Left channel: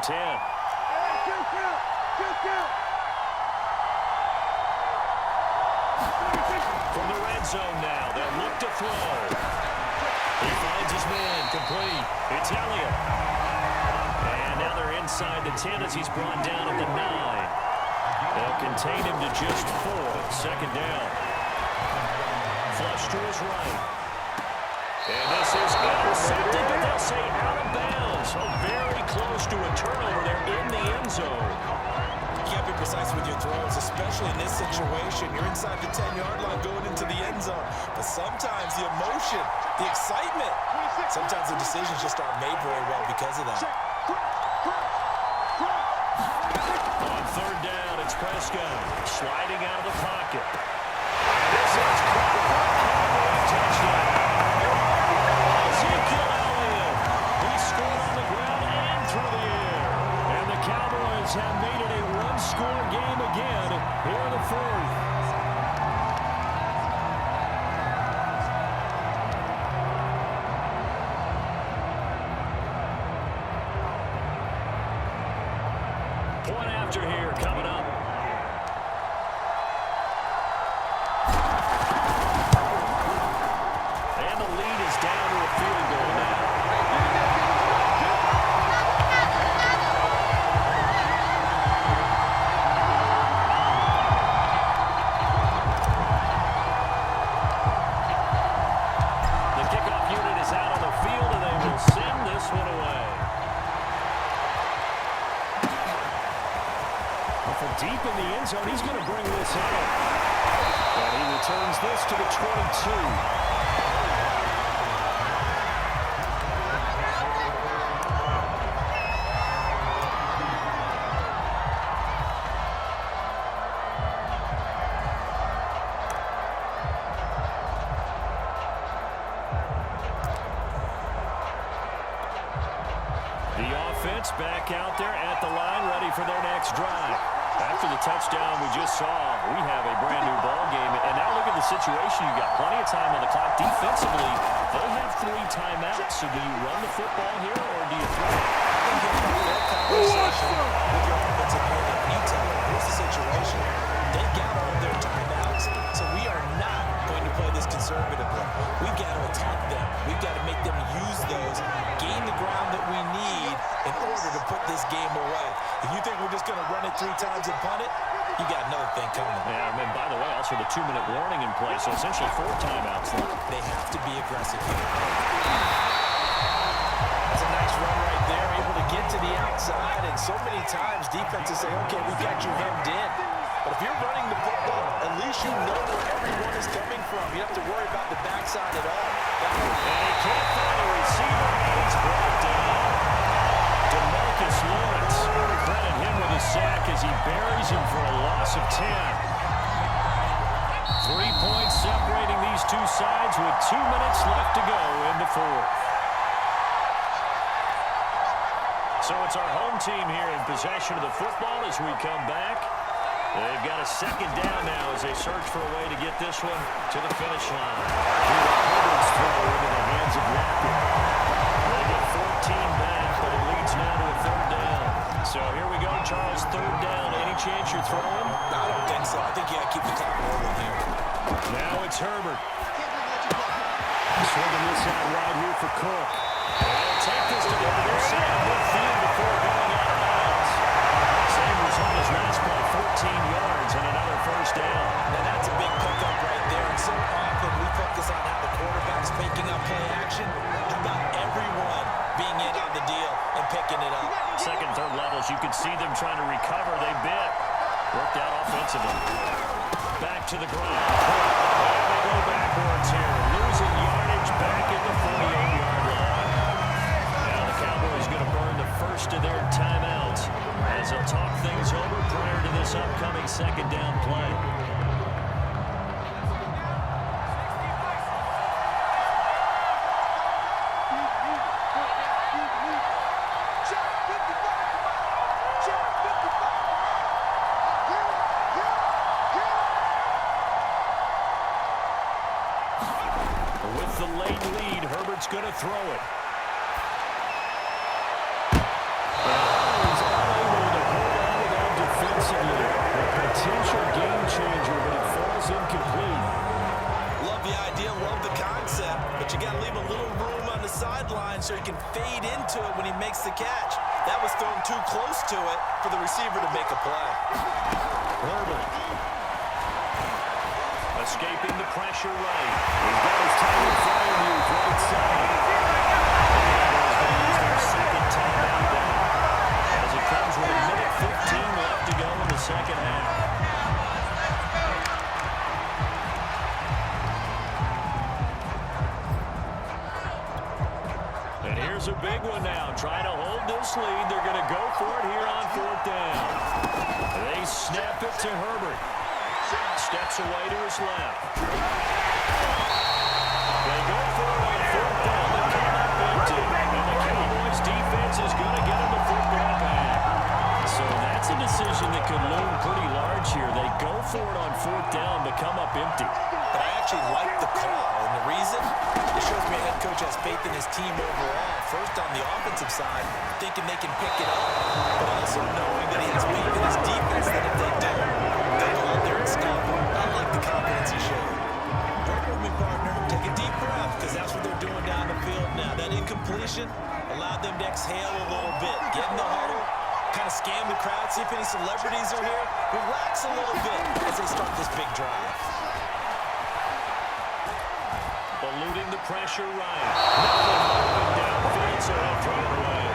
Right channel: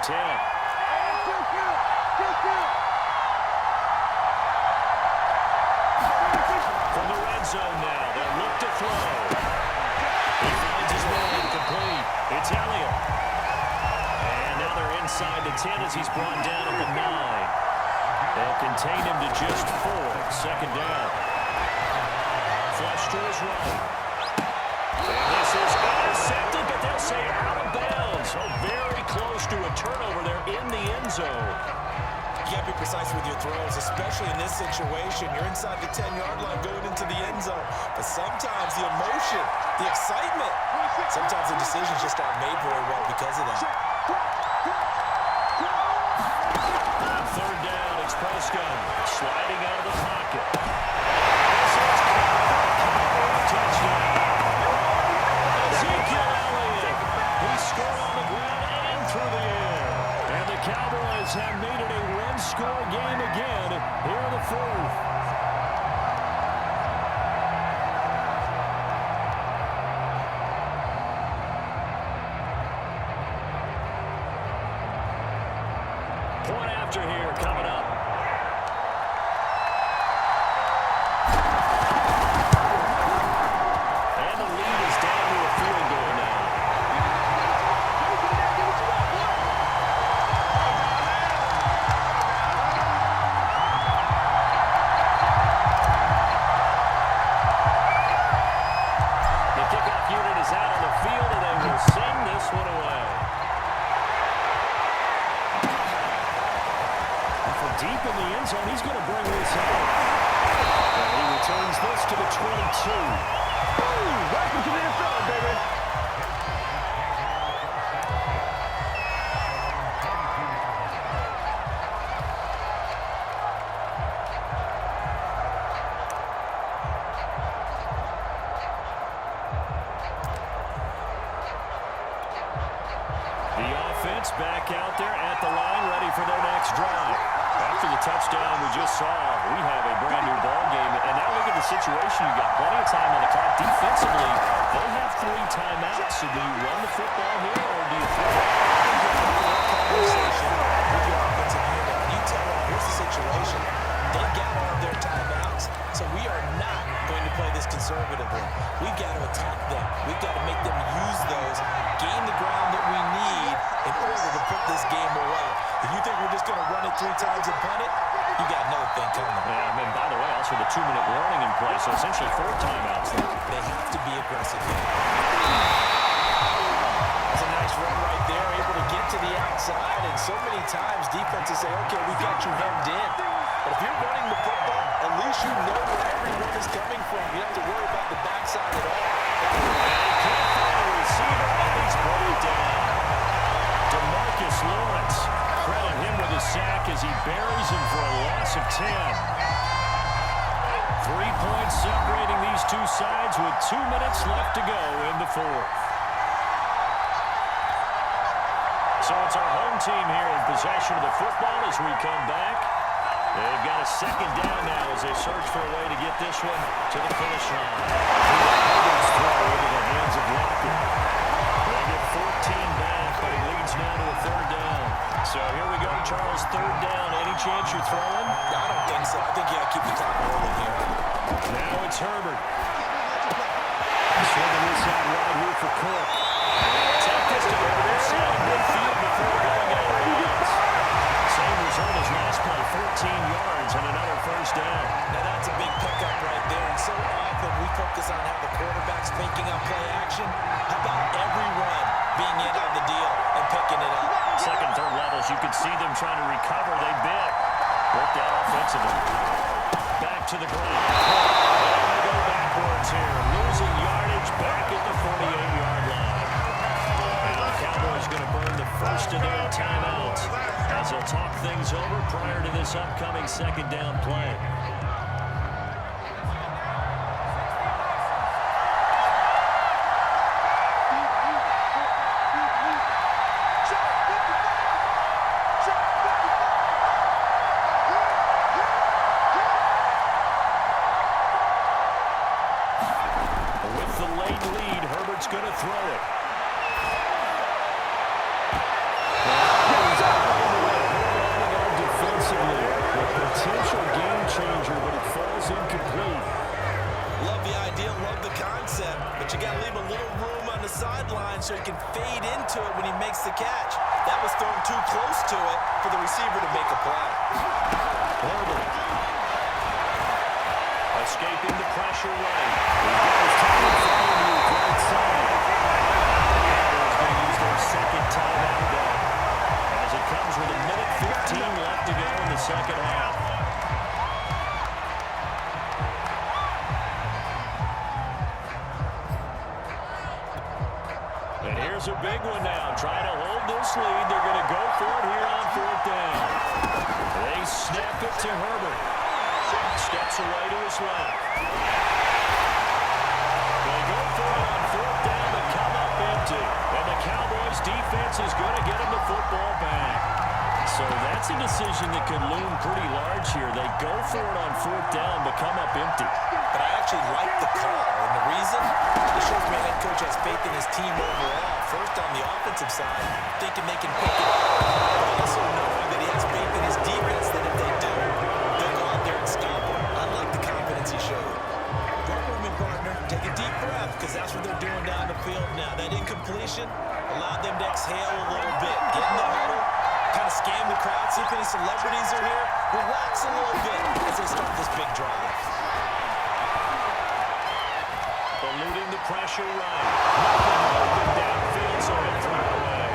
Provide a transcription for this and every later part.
and 10. From the red zone now, they'll look to throw. He finds his man, complete. It's Elliott. And now they're inside the 10 as he's brought down at the 9. They'll contain him to just 4. Second down. Flush to his right. And this is intercepted, but they'll say out of bounds. So very close to a turnover there in the end zone. You can't be precise with your throws, especially in this situation. You're inside the 10-yard line going into the end zone. But sometimes the emotion, the excitement, sometimes the decisions just aren't made very well because of that. On third down, it's Prescott sliding out of the pocket. And this is caught for a Cowboy touchdown. Ezekiel Elliott. He scored on the ground and through the air. And the Cowboys have made it a one-score game again here in the fourth. Point after here coming up. And the lead is down to a field goal now. The kickoff unit is out on the field, and they will send this one away. From deep in the end zone, he's going to bring this out. And he returns this to the 22. The offense back out there at the line, ready for their next drive. After the touchdown we just saw, we have a brand-new ball game. And now look at the situation. You got plenty of time on the clock. Defensively, they have 3 timeouts. So do you run the football here or do you throw it? I think you have a real conversation with your offensive unit. And you tell them, here's the situation. They got all of their timeouts, so we are not going to play this conservatively. We've got to attack them. We've got to make them use those, gain the ground that we need in order to put this game away. If you think we're just going to run it 3 times and punt it, you got another thing coming. Yeah, and by the way, also the 2-minute warning in place, so essentially 4 timeouts left. They have to be aggressive here. That's a nice run right there, able to get to the outside, and so many times defenses say, okay, we got you hemmed in. But if you're running the football, at least you know where everyone is coming from. You don't have to worry about the backside at all. And he can't find a receiver, and he's brought down. DeMarcus Lawrence, credit him with a sack as he buries him for a loss of 10. 3 points separating these two sides with 2 minutes left to go in the fourth. So it's our home team here in possession of the football as we come back. They've got a second down now as they search for a way to get this one to the finish line. Herbert's throw into the hands of Lockett. They get 14 back, but it leads now to a third down. So here we go, Charles, third down. Any chance you're throwing? I don't think so. I think you got to keep the clock rolling here. Now it's Herbert. Swinging this out wide here for Cook. They'll take this to the other side of midfield before going out of bounds. Same result as last play, 14 yards and another first down. Now that's a big pickup right there, and so often we focus on how the quarterback's faking up play action. How about everyone being in on the deal and picking it up? Second, third levels, you could see them trying to recover. They bit. Worked out offensively. Back to the ground. And they go backwards here. Losing yardage back at the 48-yard line. Now the Cowboys going to burn the first of their timeouts as they'll talk things over prior to this upcoming second down play. With the late lead, Herbert's going to throw it. incomplete. Love the idea, love the concept, but you got to leave a little room on the sideline so he can fade into it when he makes the catch. That was thrown too close to it for the receiver to make a play. Herbert. Escaping the pressure right. He's got his time and fire move right side. He's going to use their second timeout now, as it comes with 1:15 left to go in the second half. And here's a big one now. Trying to hold this lead. They're going to go for it here on fourth down. They snap it to Herbert. Steps away to his left. They go for it on fourth down, but come up empty. And the Cowboys defense is going to get him the football back. So that's a decision that could loom pretty large here. They go for it on fourth down, but come up empty. But I actually like the call, and the reason? It shows me a head coach has faith in his team overall. First on the offensive side, thinking they can pick it up, but also knowing that he has faith in his defense that if they don't, they'll go out there and stop him. I like the confidence he showed. Work with me, partner. Take a deep breath, because that's what they're doing down the field now. That incompletion allowed them to exhale a little bit. Get in the huddle, kind of scan the crowd, see if any celebrities are here. Relax a little bit as they start this big drive. Eluding the pressure right. Nothing open downfield, so he'll throw it away.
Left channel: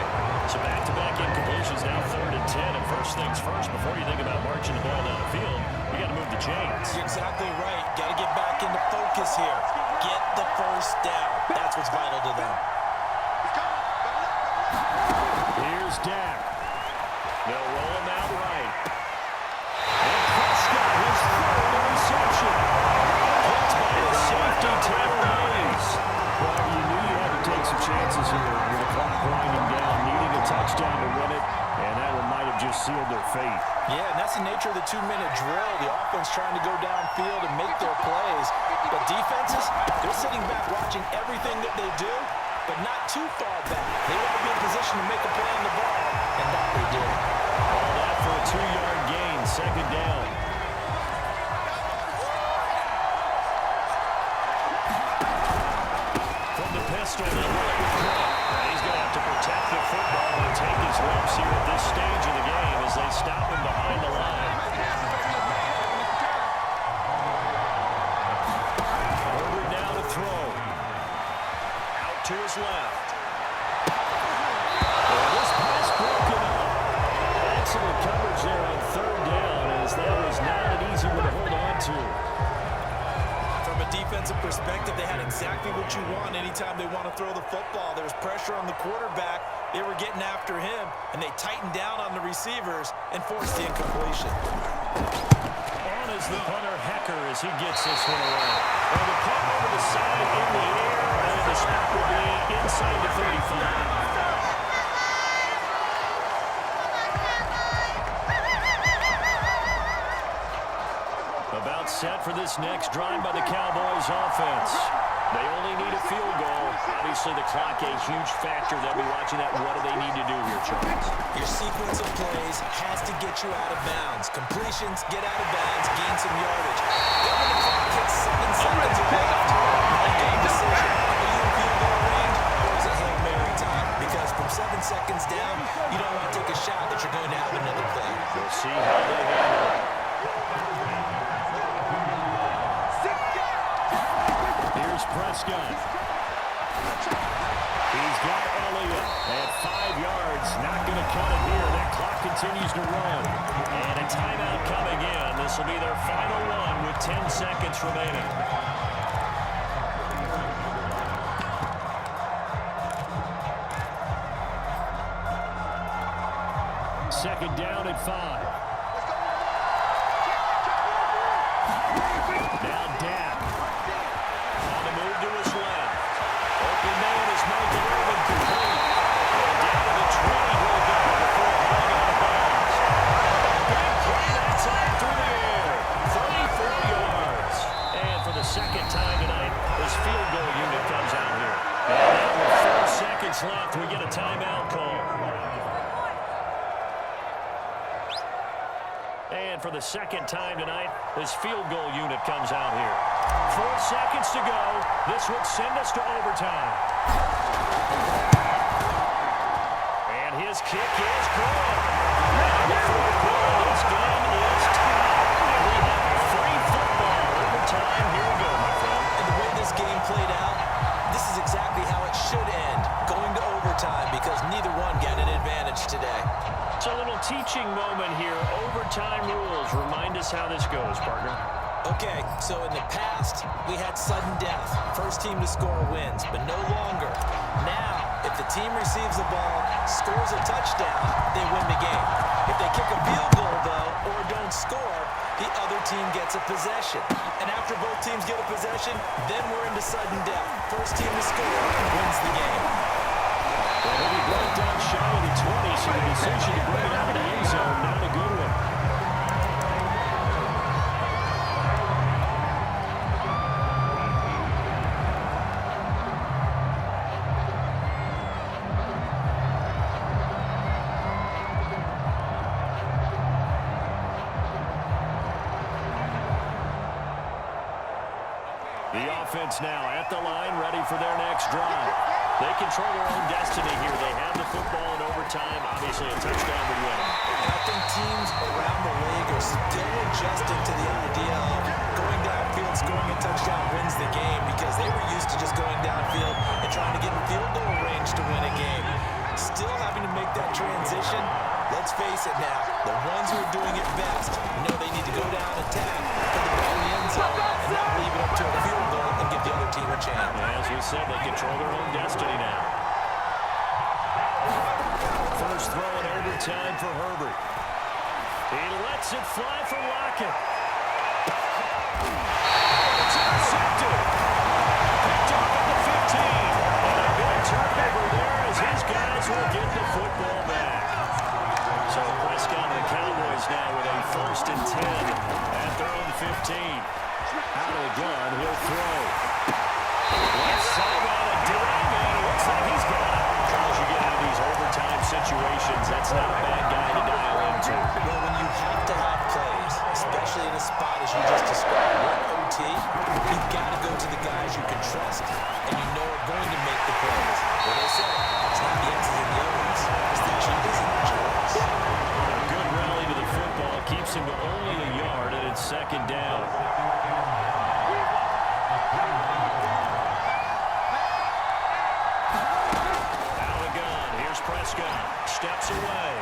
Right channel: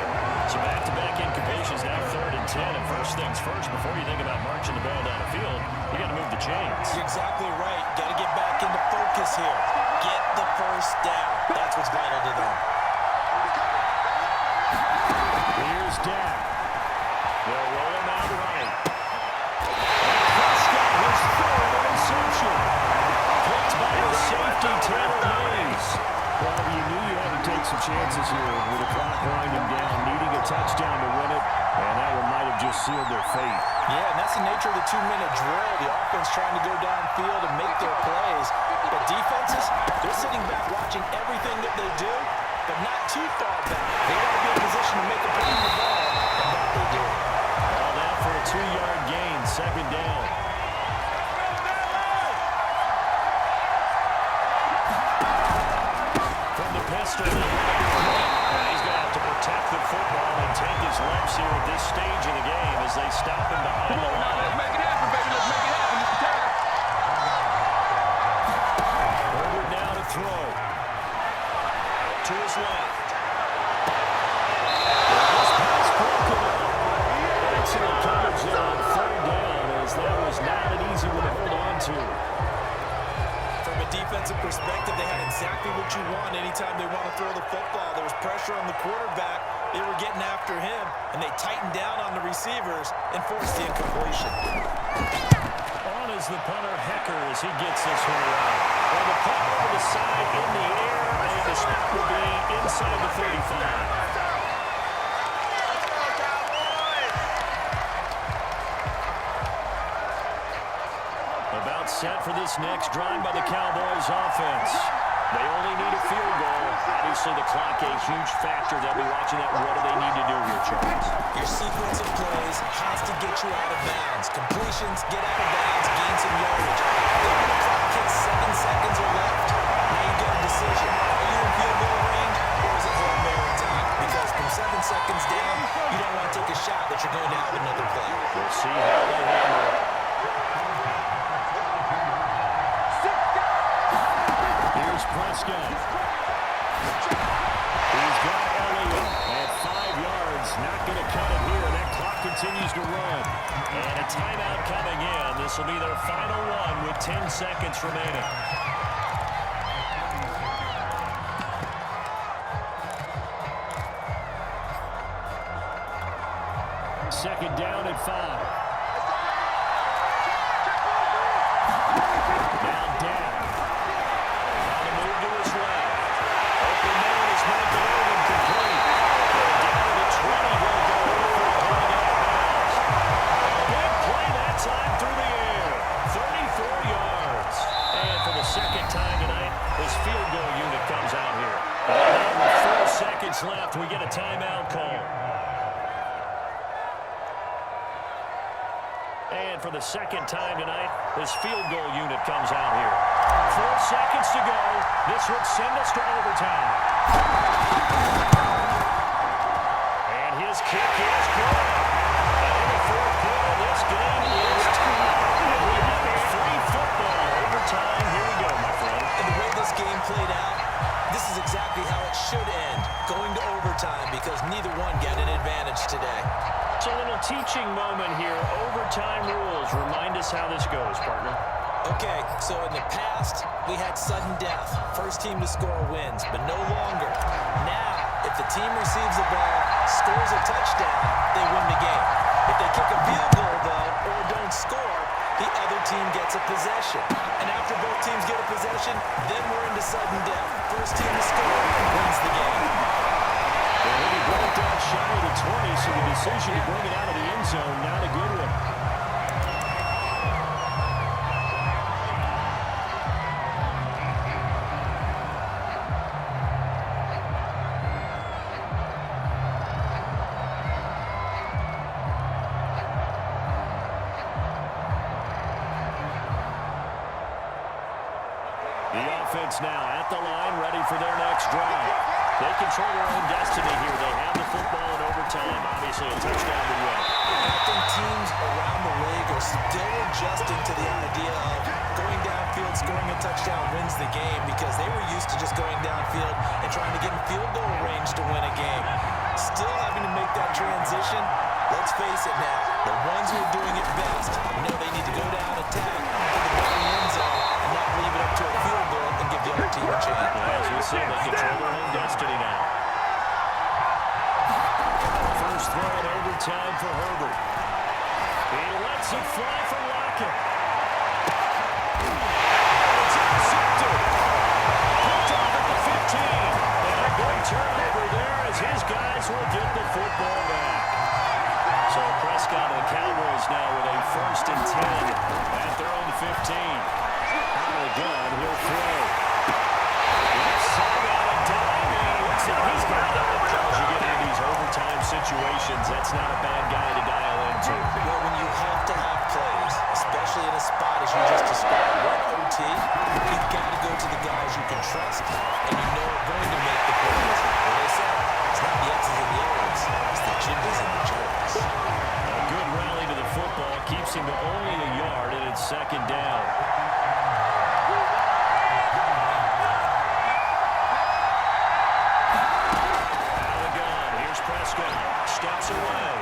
So back-to-back incompletions, now 3rd and 10. And first things first, before you think about marching the ball down the field, you got to move the chains. You're exactly right. Got to get back into focus here. Get the first down. That's what's vital to them. Here's Dak. They'll roll him out right. And Prescott, his 3rd interception. Picked by the safety, Taylor Mays. Well, you knew you had to take some chances here with the clock winding down, needing a touchdown to win it, and that one might have just sealed their fate. Yeah, and that's the nature of the 2-minute drill. The offense trying to go downfield and make their plays. But defenses, they're sitting back watching everything that they do, but not too far back. They want to be in position to make a play on the ball, and that they did. All that for a 2-yard gain, 2nd down. Pistol, and he's going to have to protect the football and take his lumps here at this stage of the game as they stop him behind the line. Let's make it happen, baby. Let's make it happen. It's time. Herbert now to throw. Out to his left. Well, this pass broken up. Excellent coverage there on 3rd down, as that was not an easy one to hold on to. From a defensive perspective, they had exactly what you want anytime they want to throw the football. There was pressure on the quarterback. They were getting after him, and they tightened down on the receivers and forced the incompletion. On is the punter, Hecker, as he gets this one away. Well, the punt over the side in the air, and the spot will be inside the 35. About set for this next drive by the Cowboys offense. They only need a field goal. Obviously, the clock a huge factor. They'll be watching that. What do they need to do here, Charles? Your sequence of plays has to get you out of bounds. Completions, get out of bounds, gain some yardage. Then when the clock hits 7 seconds or left, now you got a decision. Are you in field goal range, or is it Hail Mary time? Because from 7 seconds down, you don't want to take a shot that you're going to have another play. We'll see how they handle it. Here's Prescott. He's got Elliott at 5 yards. Not going to cut it here. That clock continues to run. And a timeout coming in. This will be their final one with 10 seconds remaining. Second down at 5. Now Dak. On the move to his left. Open man is Michael Irvin, complete. And down to the 20 he'll go before running out of bounds. A big play that time through the air. 34 yards. And for the second time tonight, his field goal unit comes out here. And now with 4 seconds left, we get a timeout call. And for the second time tonight, this field goal unit comes out here. 4 seconds to go. This would send us to overtime. And his kick is good. And in the fourth quarter, this game is tied. And we have a free football overtime. Here we go, my friend. And the way this game played out, this is exactly how it should end, going to overtime, because neither one got an advantage today. So a little teaching moment here. Overtime rules. Remind us how this goes, partner. Okay, so in the past, we had sudden death. First team to score wins, but no longer. Now, if the team receives the ball, scores a touchdown, they win the game. If they kick a field goal, though, or don't score, the other team gets a possession. And after both teams get a possession, then we're into sudden death. First team to score wins the game. And he'll be brought down shy of the 20, so the decision to bring it out of the end zone, not a good one. The offense now at the line, ready for their next drive. They control their own destiny here. They have the football in overtime. Obviously, a touchdown would win. And I think teams around the league are still adjusting to the idea of going downfield, scoring a touchdown wins the game, because they were used to just going downfield and trying to get in field goal range to win a game. Still having to make that transition. Let's face it now, the ones who are doing it best know they need to go down, attack, put the ball in the end zone, and not leave it up to a field goal and give the other team a chance. As we said, they control their own destiny now. First throw in overtime for Herbert. He lets it fly for Lockett. It's intercepted. Picked off at the 15. And a good turnover there as his guys will get the football back. So Prescott and the Cowboys now with a 1st and 10 at their own 15. Out of the gun, he'll throw. Left side on a dime, and it looks like he's got it. Charles, you get into these overtime situations, that's not a bad guy to dial into. Well, when you have to have plays, especially in a spot as you just described, we're in OT, you've got to go to the guys you can trust and you know are going to make the plays. What they say, it's not the X's and the O's, it's the Jimmys and the Joes. A good rally to the football keeps him to only a yard, and it's 2nd down. Prescott steps away.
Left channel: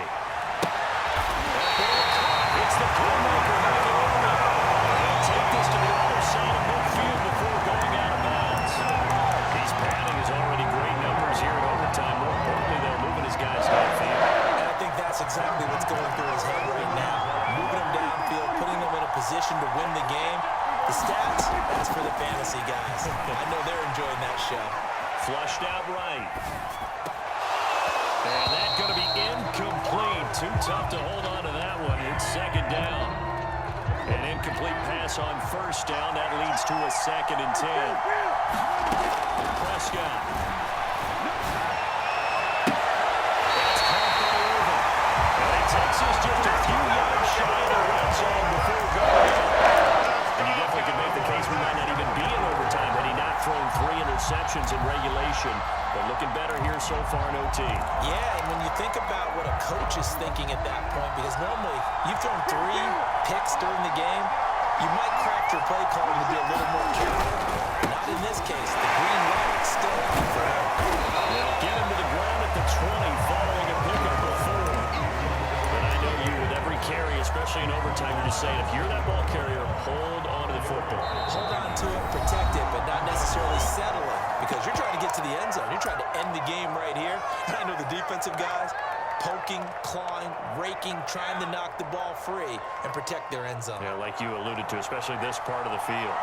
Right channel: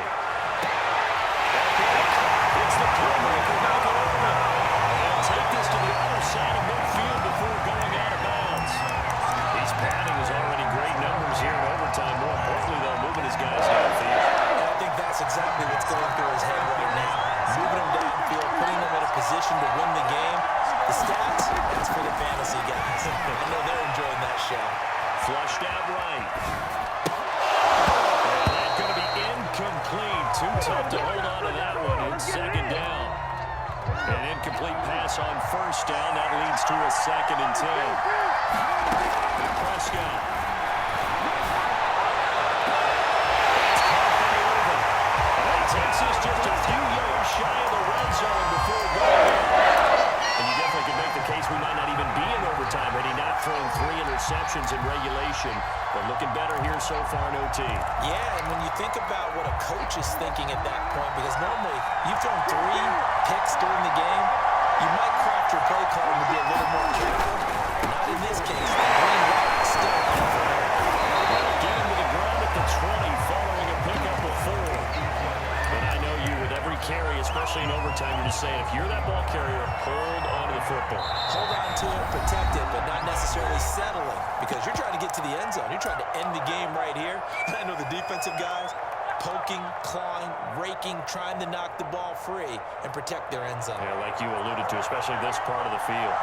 That ball caught. It's the playmaker, Michael Irvin. They'll take this to the other side of midfield before going out of bounds. He's padding his already great numbers here in overtime. More importantly, though, moving his guys downfield. And I think that's exactly what's going through his head right now. Moving them downfield, putting them in a position to win the game. The stats, that's for the fantasy guys. I know they're enjoying that show. Flushed out right. And that's going to be incomplete. Too tough to hold on to that one. It's 2nd down. An incomplete pass on 1st down. That leads to a 2nd and 10. Prescott. That's caught by Irvin. And he takes this just a few yards shy of the red zone before going out. And you definitely could make the case we might not even be in overtime had he not thrown 3 interceptions in regulation. But looking better here so far in OT. Yeah, and when you think about what a coach is thinking at that point, because normally you've thrown 3 picks during the game, you might craft your play calling to be a little more careful. Not in this case. The green light is still on for him. They'll get him to the ground at the 20 following a pickup of 4. But I know you, with every carry, especially in overtime, you're just saying, if you're that ball carrier, hold on to the football. Hold on to it, protect it, but not necessarily settling, because you're trying to get to the end zone. You're trying to end the game right here. And I know the defensive guys poking, clawing, raking, trying to knock the ball free and protect their end zone. Yeah, like you alluded to, especially this part of the field.